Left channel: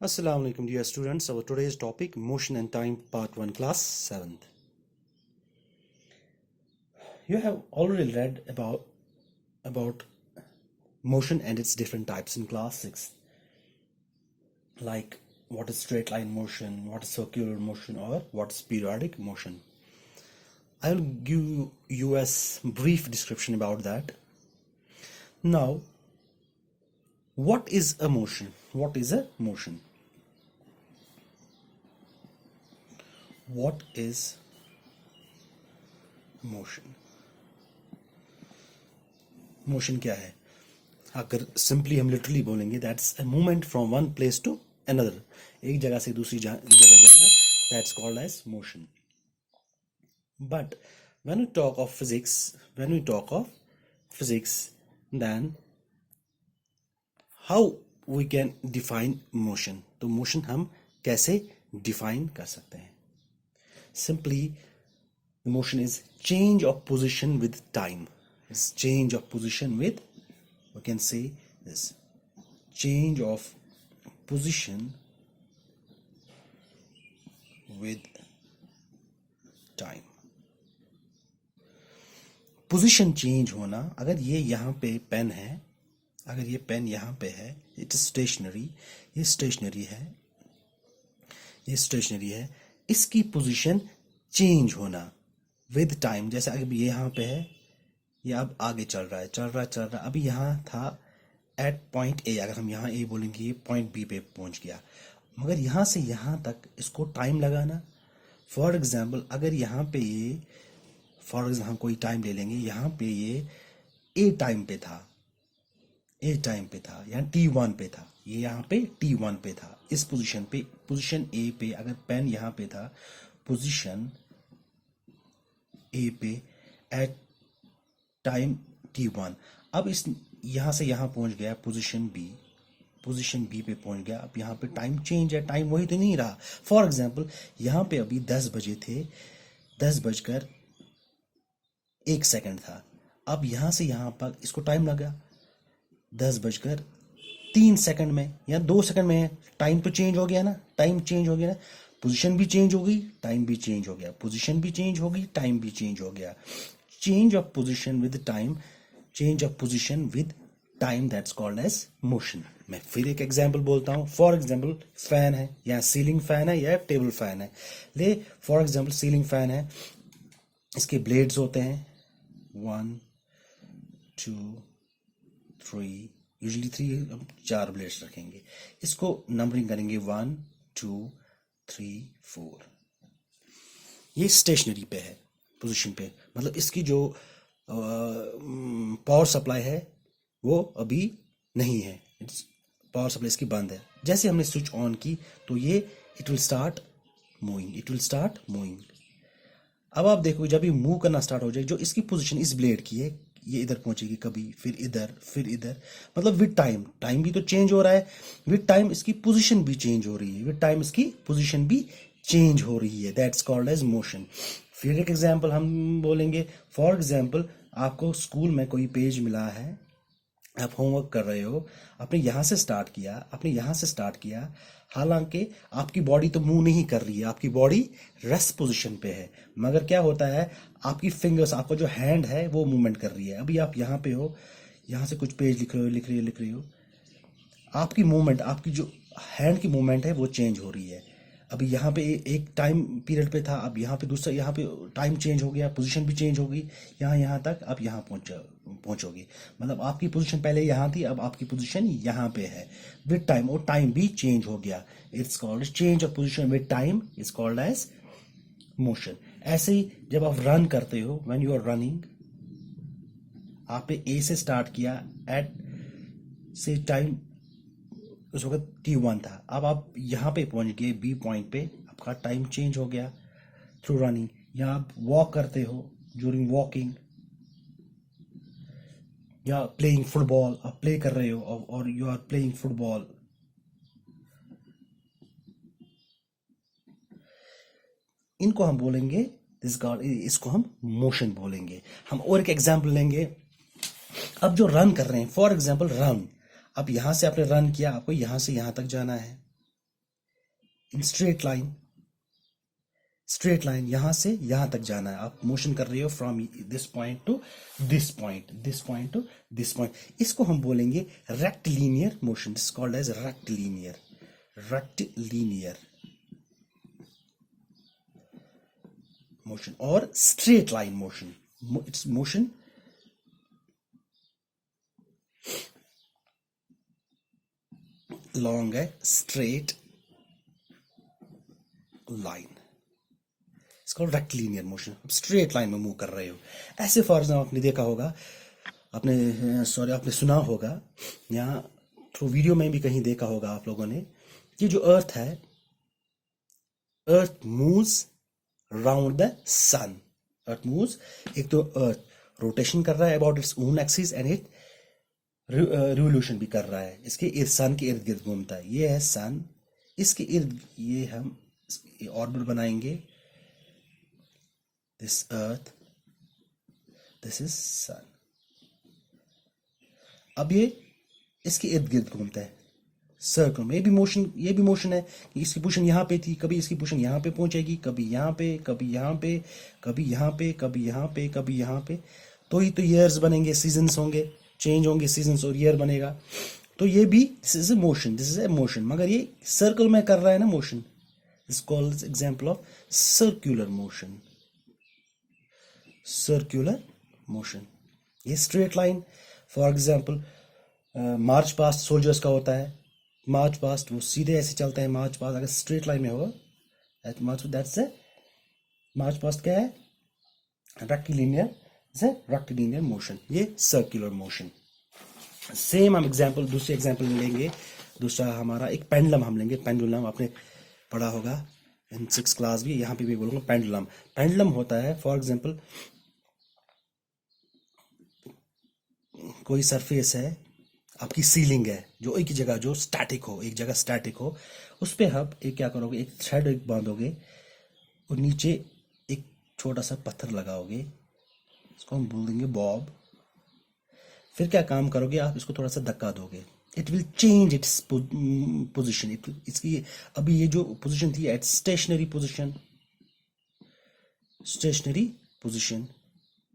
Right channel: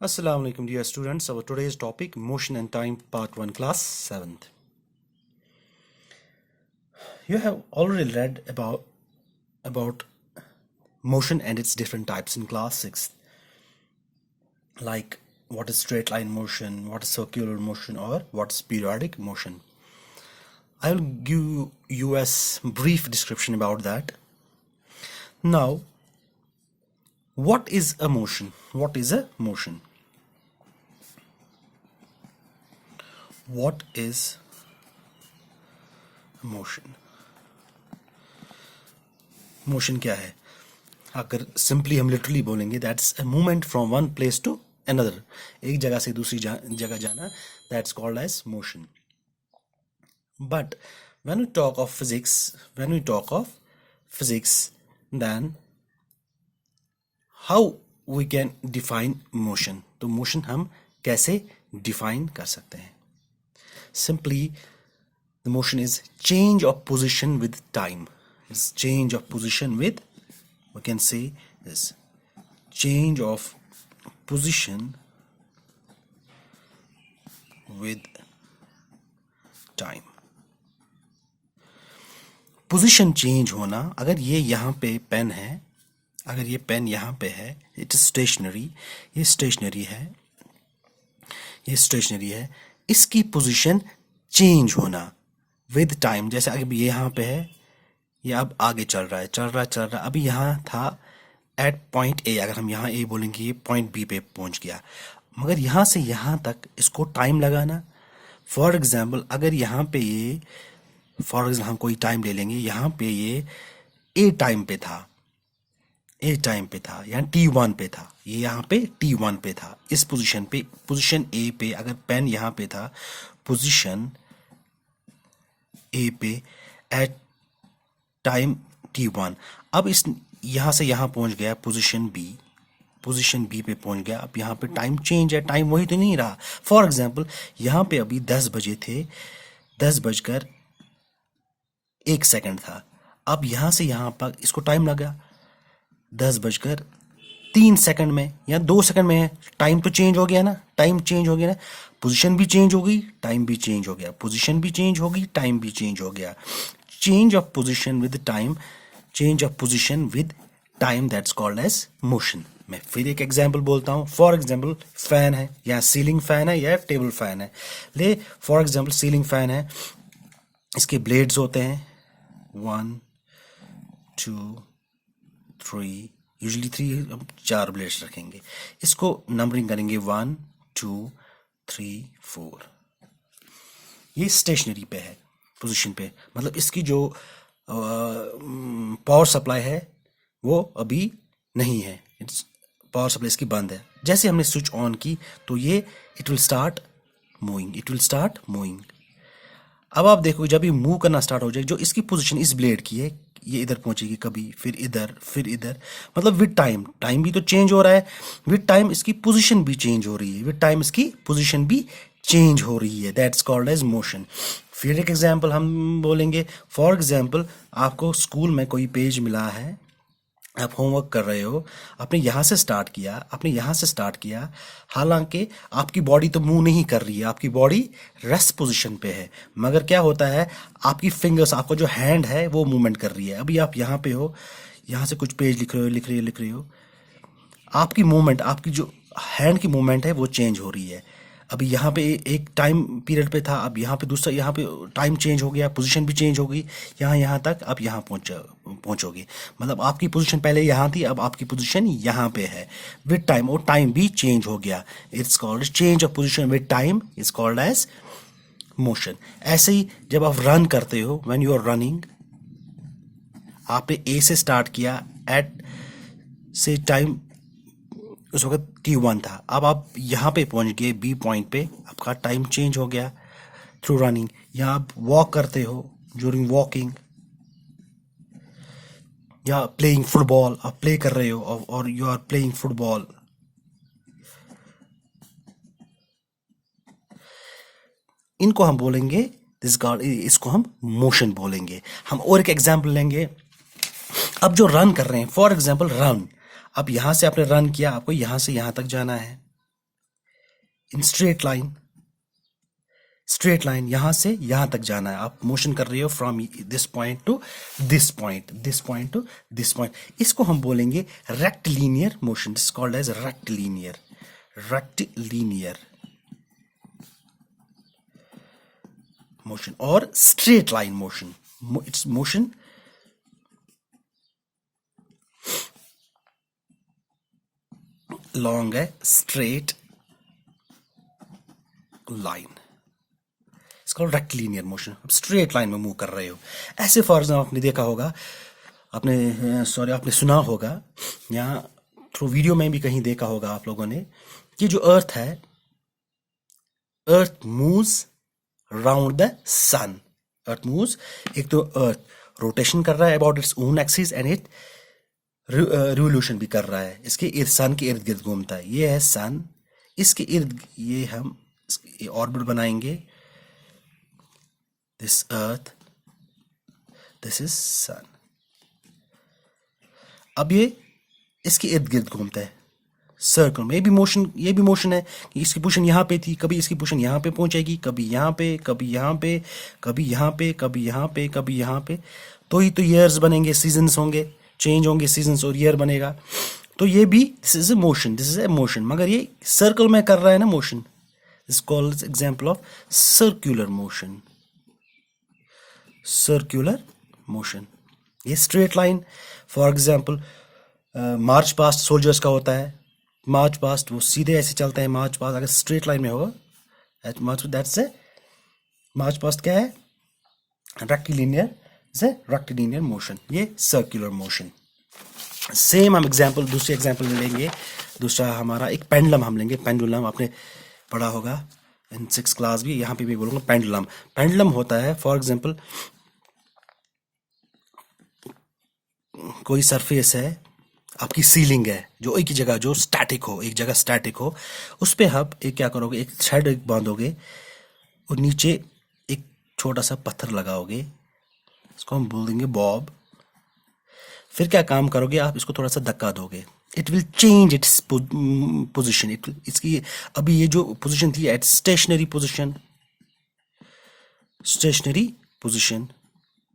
Assalamu alaikum dear students. Our today's topic motion and time part 1 class 7th. You have already read about motion and its different types in class 6th, like what is straight line motion, what is circular motion, or what is periodic motion. I will give you a brief description about that. Now, what is a motion? What is a motion? What is motion? Motion क्या है? अगर simply हम literally बोलेंगे that's a movement from one place to another, एक जगह से दूसरी जगह जाना, that's called as motion. But when we talk of physics then how we can define motion. तो मोशन हम कैसे डिफाइन कर सकते हैं? Simply the motion is change of position with time. It's change of position with, we can say is change of position with time. Position change होना. अगर ये यहाँ पे पेन है, अगर ये पेन यहाँ पे है, इट इज स्टेशनरी, ये स्टेशनरी है, ये स्टेशनरी है, इसकी पोजीशन चेंज होना विद टाइम. जैसे अगर ये यहाँ पे है, ये अब आगे चल रहा है. अभी यहाँ था एट पॉइंट ए, अगर हम यहाँ ए बोलेंगे ये पॉइंट बी पे पहुँच गया, मगर यहाँ से यहाँ तक इसको टाइम लगाना. फॉर एग्जाम्पल अगर यहाँ पे ये, फॉर एग्जाम्पल हम कोई टाइम ले लेंगे, यहाँ पे ये ए टाइम पे था, यहाँ T1 पे था, ये यहाँ पे T1 पे था. इस पोजीशन पे, पोजीशन ए पे अगर पेन यहाँ पे था, पोजीशन ए पे एट टाइम T1, अब इस यहाँ से यहाँ पहुँच गया पोजीशन बी पे पहुँच गया. अब यहाँ पे टाइम चेंज है, टाइम वही तो नहीं रहा. फॉर एग्जाम्पल यहाँ पे अभी 10 बजे थे, 10:01 था. अब यहाँ से यहाँ पर इसको टाइम लगा 10:03 में या 2 सेकंड में है. टाइम तो चेंज हो गया ना, टाइम चेंज हो गया ना, पोजीशन भी चेंज हो गई, टाइम भी चेंज हो गया, पोजीशन भी चेंज हो गई, टाइम भी चेंज हो गया. Change of position with time, change of position with time, that's called as motion. मैं फिर एक एग्जांपल बोलता हूँ. फॉर एग्जांपल फैन है, या सीलिंग फैन है, या टेबल फैन है. ले फॉर एग्जांपल सीलिंग फैन है, इसके ब्लेड्स होते हैं 1 2 3, यूजली 3, 4 ब्लेड्स रखेंगे. इसको नंबरिंग करेंगे 1 2 3 4. ये स्टेशनरी पे है, पोजीशन पे, मतलब इसकी जो पावर सप्लाई है वो अभी नहीं है, इट्स पावर सप्लाई इसकी बंद है. जैसे हमने स्विच ऑन की तो ये इट विल स्टार्ट मूविंग. अब आप देखो जब ये मूव करना स्टार्ट हो जाए, जो इसकी पोजीशन इस ब्लेड की है, ये इधर पहुंचेगी कभी, फिर इधर, मतलब विद टाइम भी तो चेंज हो रहा है, विद टाइम इसकी पोजीशन भी चेंज हो रही है, दैट्स कॉल्ड एज मोशन. फिर एक एग्जांपल हम बोलेंगे. फॉर एग्जांपल आपको स्कूल में कोई पेज मिला है, आप होमवर्क कर रहे हो, आपने यहाँ से स्टार्ट किया, हालांकि आपकी बॉडी तो मूव नहीं कर रही है, आपकी बॉडी रेस्ट पोजीशन पे है, मगर क्या होता है, आपकी फिंगर्स, आपका जो हैंड है वो मूवमेंट कर रही है. अभी आप यहाँ पे हो, यहाँ से कुछ पेज लिख रहे हो, आपकी मूवमेंट, आपकी जो हैंड की मूवमेंट है वो चेंज हो रही है. अभी यहाँ पे एक टाइम पीरियड पे था, अब यहाँ पे दूसरा, यहाँ पे टाइम चेंज हो गया, पोजीशन भी चेंज हो गई, यहाँ तक आप यहाँ पहुँचोगे, मतलब आपकी पोजीशन पहले यहाँ थी, अब आपकी पोजीशन यहाँ पे है विद टाइम, और टाइम भी चेंज हो गया. It's called change of position with time, is called as motion. ऐसे ही जब आप रन करते हो, व्हेन यू आर रनिंग, आपने ए से स्टार्ट किया, एट से टाइम उस वक्त T1 था, अब आप यहाँ पे पहुँच गए बी पॉइंट पे, आपका टाइम चेंज हो गया थ्रू रनिंग. या आप वॉक करते हो, ड्यूरिंग वॉकिंग, या प्लेइंग फुटबॉल, आप प्ले कर रहे हो और यू आर प्लेइंग फुटबॉल, इनको हम बोलेंगे इसको हम मोशन बोलेंगे. हम और एक एग्जाम्पल लेंगे. अब जो रन कर रहे हैं, फॉर एग्जाम्पल रन, अब यहाँ से आपने रन किया, आपको यहाँ से यहाँ तक जाना है, इन स्ट्रेट लाइन यहां से यहां तक जाना है। आप मोशन कर रहे हो from this point to this point, this point to this point. इसको हम बोलेंगे rectilinear motion, this called as rectilinear, rectilinear motion. और straight line motion, it's motion along a straight line, इसको रेक्टिलिनियर मोशन। आप straight line में move कर रहे हो ऐसे। फॉर एग्जाम्पल आपने देखा होगा, आपने सुना होगा, या थ्रू वीडियो में भी कहीं देखा होगा आप लोगों ने, कि जो अर्थ है, earth moves round the sun. Earth moves, एक तो अर्थ रोटेशन कर रहा है about its own axis and it revolution भी कर रहा है, इसके सन के इर्द गिर्द घूमता है। ये है सन, इसके इर्द ये हम ऑर्बिट बनाएंगे, दिस अर्थ, दिस इज सन। अब ये इसके इर्द गिर्द घूमता है सर्कल में। ये भी मोशन है कि इसकी पोजीशन यहाँ पे थी, कभी इसकी पोजीशन यहाँ पे पहुंचेगी, कभी यहाँ पे, कभी यहाँ पे, कभी यहाँ पे, कभी यहाँ पे, कभी यहाँ पे। तो ही तो ईयर्स बनेंगे, सीजन्स होंगे, चेंज होंगे सीजन्स और ईयर बनेगा। तो ये भी दिस इज ए मोशन, मगर ये सर्कल में कर रहा है ना motion. This called example of circular motion, circular motion. ये straight line, for example march past soldiers का होता है। मार्च पास्ट वो सीधे ऐसे चलता है, मार्च पास्ट अगर स्ट्रेट लाइन में होगा, दैट्स ए मार्च पास्ट क्या है, रेक्टिलिनियर मोशन, ये सर्कुलर मोशन। सेम हम दूसरे एग्जांपल में लेंगे। दूसरा हमारा एक पेंडुलम हम लेंगे। पेंडुलम आपने पढ़ा होगा इन 6th क्लास भी, यहाँ पे भी बोलूँगा पेंडुलम। पेंडुलम होता है, फॉर एग्जांपल कोई सरफेस है, आपकी सीलिंग है, जो एक जगह जो स्टैटिक हो, एक जगह स्टैटिक हो, उस पर आप एक क्या करोगे, एक थ्रेड बांधोगे और नीचे एक छोटा सा पत्थर लगाओगे, इसको हम बोल देंगे बॉब। फिर क्या काम करोगे, आप इसको थोड़ा सा धक्का दोगे, it will change its position. इसकी अभी ये जो पोजिशन थी at stationary position,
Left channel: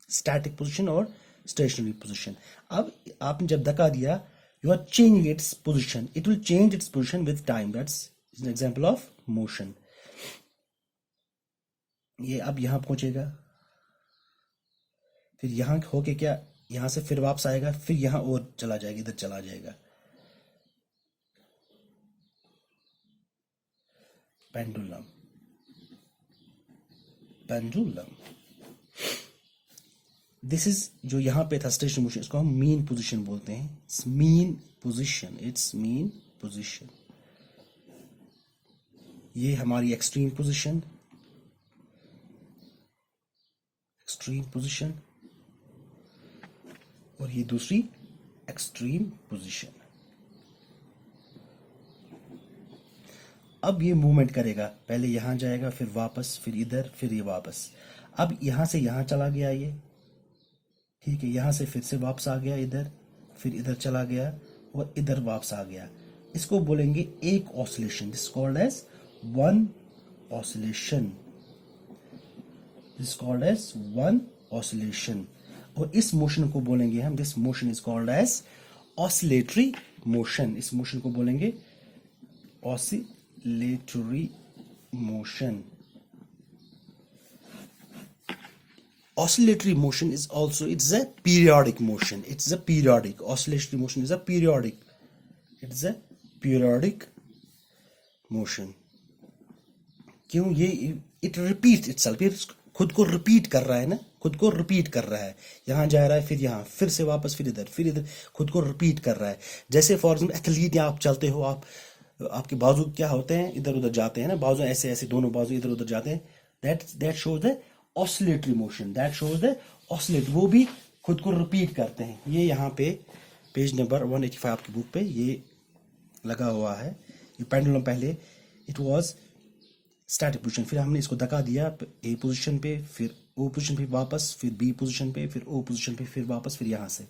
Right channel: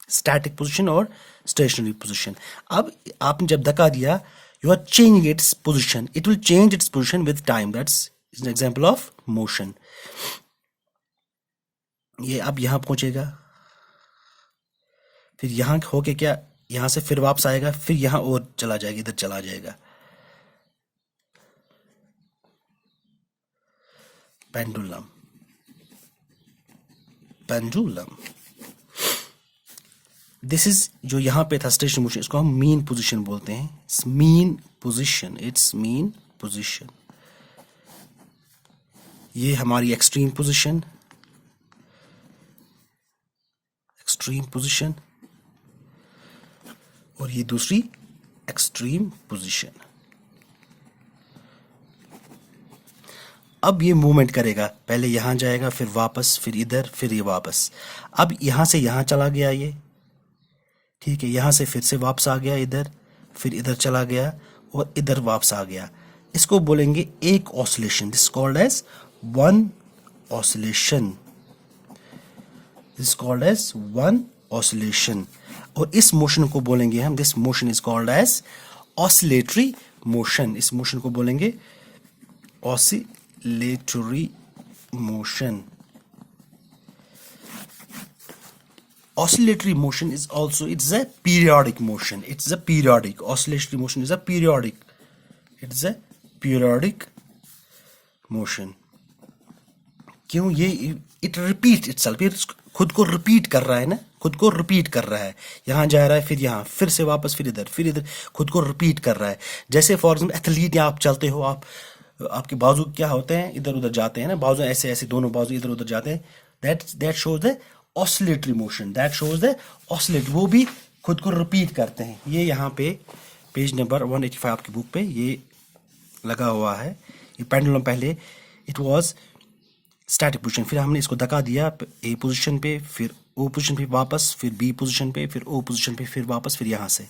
static position और स्टेशनरी पोजिशन। अब आपने जब धक्का दिया, you are changing its position, it will change its position with time, that's an example of motion. ये अब यहां पहुंचेगा, फिर यहां होके क्या, यहां से फिर वापस आएगा, फिर यहां और चला जाएगा, इधर चला जाएगा। पेंडुलम, दिस इज जो यहां पे था स्टेशन मोशन, इसको हम मीन पोजीशन बोलते हैं। It's mean position. ये हमारी एक्सट्रीम पोजीशन, और ये दूसरी एक्सट्रीम पोजीशन। अब ये मूवमेंट करेगा, पहले यहां जाएगा, फिर वापस, फिर इधर, फिर ये वापस। अब यहां से यहां चला गया ये, ठीक है, यहां से फिर से वापस आ गया इधर, फिर इधर चला गया और इधर वापस आ गया। इसको बोलेंगे एक oscillation, this called as one oscillation. और इस मोशन को बोलेंगे हम, this motion is called as oscillatory motion. इस मोशन को बोलेंगे oscillatory motion. Oscillatory motion is also, it's a periodic motion. Oscillatory motion is a periodic. It's a periodic motion. क्यों? ये it repeats itself, ये खुद को रिपीट कर रहा है ना, खुद को रिपीट कर रहा है। यहाँ जा रहा है, फिर यहाँ, फिर से वापस, फिर इधर, खुद को रिपीट कर रहा है। जैसे फॉर एग्जाम्पल एथलीट, या आप चलते हो, आपके बाजू क्या होते हैं, इधर उधर जाते हैं ना, बाजू ऐसे ऐसे दोनों बाजू इधर उधर जाते हैं। That shows the oscillatory motion, वो भी खुद को रिपीट करते हैं। ये यहाँ पे पेज नंबर 185 की बुक पे ये लगा हुआ है। ये पेंडुलम पहले इट वाज स्टैटिक पोजीशन, फिर हमने इसको धक्का दिया ए पोजीशन पे, फिर ओ पोजीशन पे वापस, फिर बी पोजीशन पे, फिर ओ पोजीशन पे, फिर वापस, फिर यहाँ से।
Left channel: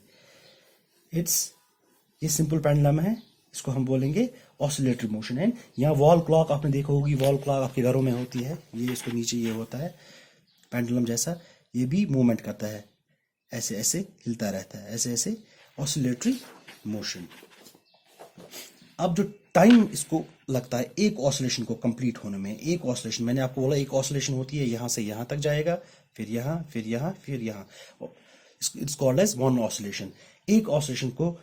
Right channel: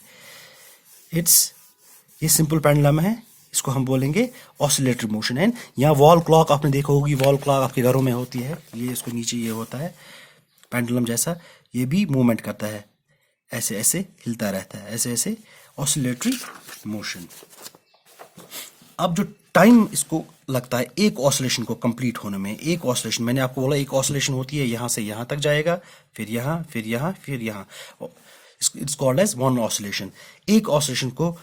ये सिंपल पेंडुलम है, इसको हम बोलेंगे ऑसिलेटरी मोशन। एंड यहाँ वॉल क्लॉक आपने देखा होगी, वॉल क्लॉक आपके घरों में होती है, ये इसको नीचे ये होता है पेंडुलम जैसा, ये भी मूवमेंट करता है, ऐसे ऐसे हिलता रहता है, ऐसे ऐसे ऑसिलेटरी मोशन। अब जो टाइम इसको लगता है एक ऑसिलेशन को कंप्लीट होने में, एक ऑसिलेशन मैंने आपको बोला एक ऑसिलेशन होती है यहाँ से यहाँ तक जाएगा, फिर यहाँ, फिर यहाँ, फिर यहाँ, it's called as one oscillation. एक ऑसिलेशन को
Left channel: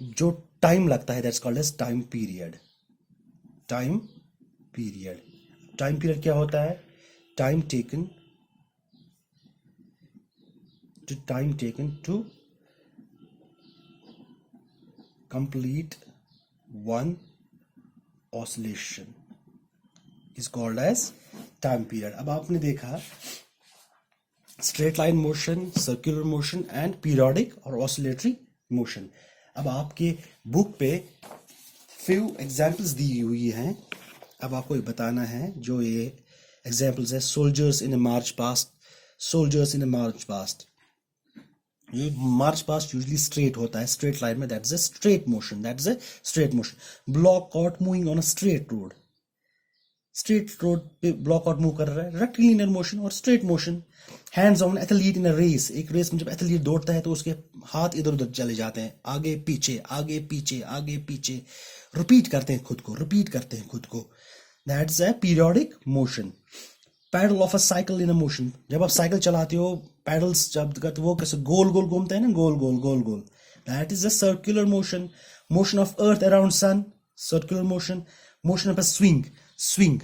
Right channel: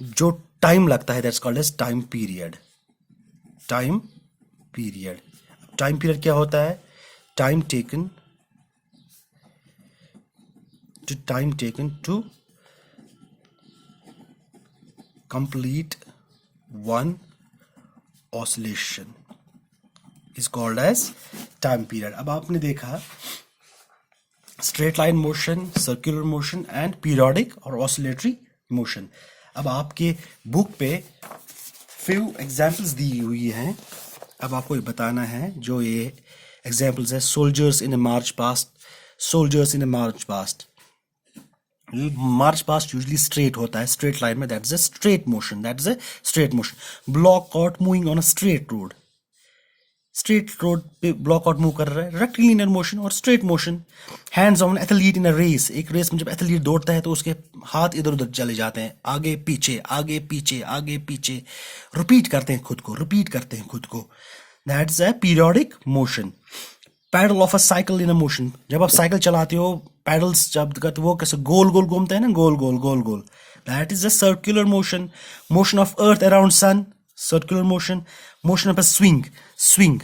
जो टाइम लगता है that's called as time period. Time period, time period क्या होता है? Time taken to complete one oscillation is called as time period। अब आपने देखा straight line motion, circular motion and periodic और ऑसिलेटरी मोशन। अब आपके बुक पे फ्यू एग्जांपल्स दी हुई हैं, अब आपको ये बताना है जो ये एग्जांपल्स है। Soldiers in a march past, soldiers in a march past, march past usually straight होता है, स्ट्रेट लाइन में, that is a straight motion, that is a straight motion. Block cot moving on a straight road, straight road पे block out move कर रहा है, rectilinear motion और straight motion. Hands on athlete in a race, एक race में जब athlete दौड़ता है तो उसके हाथ इधर उधर चले जाते हैं, आगे पीछे आगे पीछे आगे पीछे, रिपीट करते हैं खुद को, रिपीट करते हैं खुद को, that is a periodic motion. Pedal of a cycle in a motion, जब आप साइकिल चलाते हो पैडल्स जब वो कैसे गोल गोल घूमते हैं ना, गोल गोल गोल गोल, that is a circular motion. Motion of earth around sun, circular motion. Motion of a swing, swing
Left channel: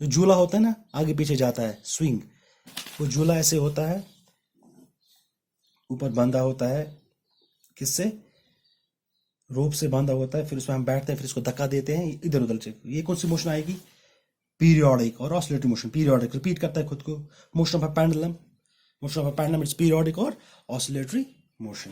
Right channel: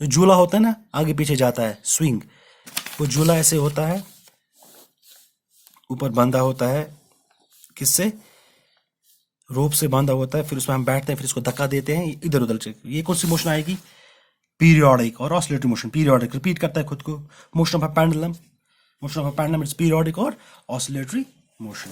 जो झूला होता है ना आगे पीछे जाता है, स्विंग, वो झूला ऐसे होता है, ऊपर बांधा होता है, किससे? रोप से बांधा होता है, फिर उसमें हम बैठते हैं, फिर इसको धक्का देते हैं इधर उधर से, ये कौन सी मोशन आएगी? पीरियोडिक और ऑसिलेटरी मोशन। पीरियोडिक रिपीट करता है खुद को। Motion of a pendulum, motion of a pendulum it's periodic और ऑसिलेटरी मोशन।